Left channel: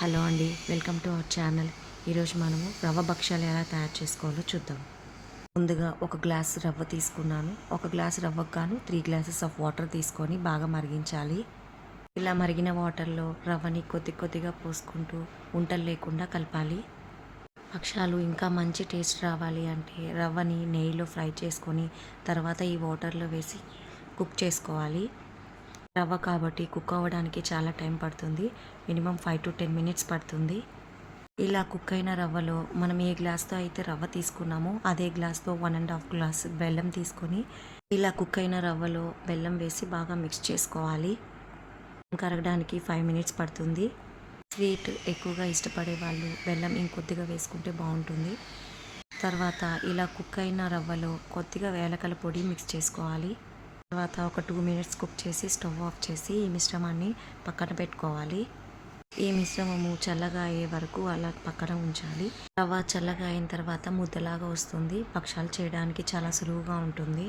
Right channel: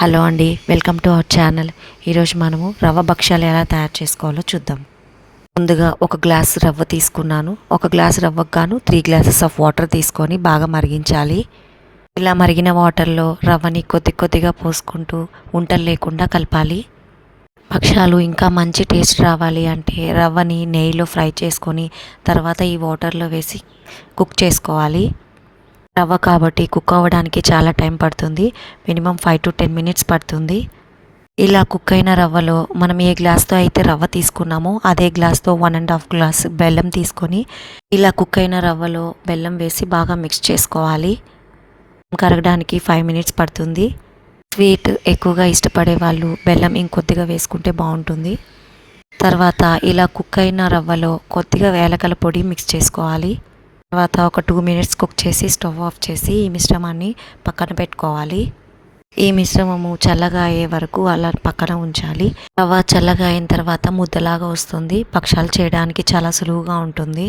Hello అండి, welcome to our channel. ఈరోజు మనము రవ్వ భక్ష్యాలు ఎలా తయారు చేసుకోవాలో చూద్దాం. ముందుగా ఒక గ్లాస్ రవ్వ తీసుకున్నాను. ఒక గ్లాస్ రవ్వకు గాను 3 గ్లాసెస్ ఆఫ్ వాటర్ తీసుకొని బాగా మరిగించాలి. ఇలా మరిగిన వాటర్లో రవ్వని కొద్ది కొద్దిగా పోసుకుంటూ ఉంటలు లేకుండా కలపాలి. భక్ష్యాలు ఇంకా మంచి టేస్ట్ రావాలి అంటే రవ్వని నెయ్యిలో ఫ్రై చేసుకొని తర్వాత ఈ వాటర్లో వేసి కుక్ చేసుకోవాలి. రవ్వ కాబట్టి కుక్ అవ్వడానికి చాలా టైం పడుతుంది. మినిమం 5 to 10 minutes పడుతుంది. ఇలా కుక్ అయిన రవ్వలో మనం ఏ గ్లాస్తో అయితే రవ్వ తీసుకున్నామో అదే గ్లాస్తో 1.5 గ్లాస్ బెల్లం తీసుకొని ఇలా కుక్ అయిన రవ్వలో బెల్లం వేసి బాగా మిక్స్ చేసుకోవాలి. కరగడానికి 5 minutes పడుతుంది. స్వీట్ ఎక్కువగా ఇష్టపడే వాళ్ళు బెల్లం ఇంకొద్దిగా వేసుకుంటే బాగుంటుంది. తర్వాత ఇలా కుక్ అయిన రవ్వలో కొద్దిగా యాలకుల పొడి మిక్స్ చేసుకోవాలి. తర్వాత ఒక 2 minutes కుక్ చేసి స్టవ్ ఆఫ్ చేసి ఈ మిశ్రమాన్ని పక్కన పెట్టుకోవాలి. ఈ మిశ్రమము చల్లగా అయ్యే వరకు అలా పక్కన ఉంచాలి. రవ్వ చల్లగా అయిన తర్వాత ముద్దలాగా వస్తుంది. భక్ష్యాలు చేయడానికి చాలా సులువుగా ఉంటుంది.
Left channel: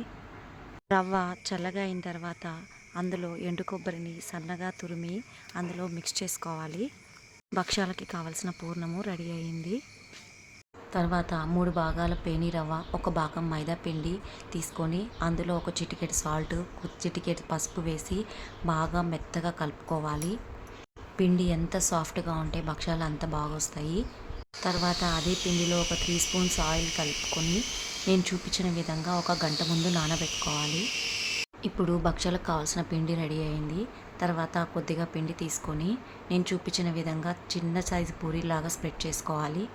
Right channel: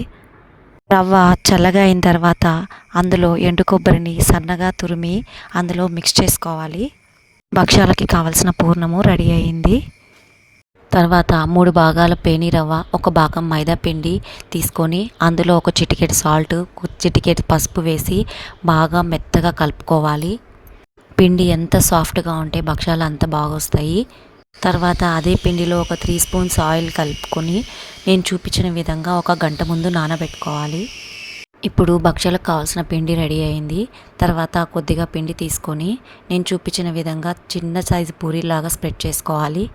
రవ్వ చల్లగా అయిన తర్వాత అందులో ఎండు కొబ్బరిని సన్నగా తురిమి అందులో మిక్స్ చేసుకోవాలి. భక్ష్యాలకి కావలసిన పూర్ణము రెడీ అయింది. తర్వాత 3 భాగాల పేని రవ్వ, ఒక భాగం మైదా పిండి తీసుకొని అందులో ఒక చిటికెడు సాల్ట్, చిటికెడు పసుపు వేసి బాగా మెత్తగా కలుపుకోవాలి. పిండి ఎంత సాఫ్ట్గా ఉంటే భక్ష్యాలు అంత బాగా వస్తాయి. తర్వాత అదే పిండిలో ఒక 3 spoons ఆయిల్ కలుపుకొని నేను చూపించిన విధంగా 1 గంట ముందు నానబెట్టుకోవాలి. ఇప్పుడు భక్ష్యాలకు కావాల్సిన పిండి రెడీ అయింది. తర్వాత కొద్దిగా పిండి తీసుకొని నేను చూపించిన విధంగా చిన్న సైజు పూరీలాగా స్ప్రెడ్ చేసుకోవాలి.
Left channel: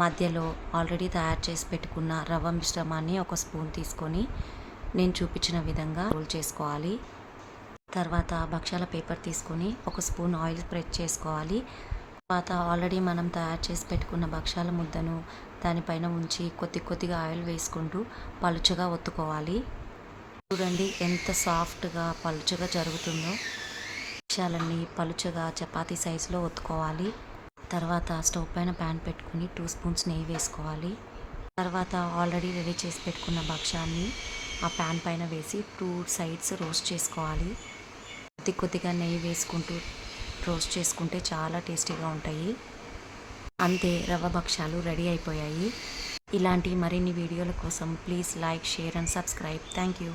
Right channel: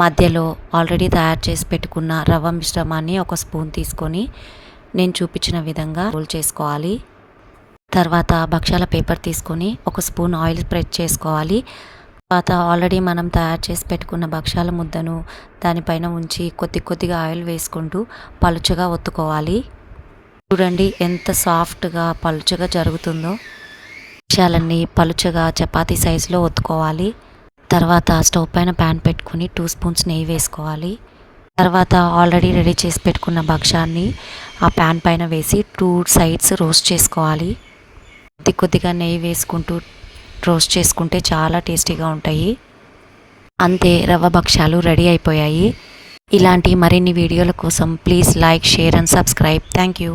మధ్యలో ఆల్రెడీ తయారు చేసి పెట్టుకున్న రవ్వ మిశ్రమాన్ని 1 స్పూన్ తీసుకొని నేను చూపించిన విధంగా రోల్ చేసుకోవాలి. తర్వాత భక్ష్యాల పేపర్ తీసుకొని 1 స్పూన్ ఆయిల్ స్ప్రెడ్ చేసుకోవాలి. తర్వాత ఆల్రెడీ మనం తయారు చేసి పెట్టుకున్న భక్ష్యాల ముద్దను దానిపైన ఉంచి కొద్దిగా ఆయిల్ వేసుకుంటూ పలుచగా ఒత్తుకోవాలి. చూడండి ఎంత సాఫ్ట్గా పలుచగా జరుగుతుందో. భక్ష్యాలన్నీ పలుచగా చపాతీ సైజులో ఒత్తుకోవాలి. తర్వాత స్టవ్ పైన ప్యాన్ పెట్టుకుని 2 spoons నెయ్యి వేసుకోవాలి. తర్వాత ఆల్రెడీ రెడీ చేసి పెట్టుకున్న భక్ష్యాన్ని ఆ ప్యాన్ పైన వేసి 2 sides రోస్ట్ చేసుకోవాలి. కొద్దిగా నెయ్యి వేసుకుంటూ రోస్ట్ చేసుకుంటే చాలా టేస్టీగా ఉంటాయి. అంతే, రవ్వ భక్ష్యాలు రెడీ అయిపోయాయి. ఇలాంటి మరిన్ని వీడియోల కోసం please like, share and subscribe. Thank you.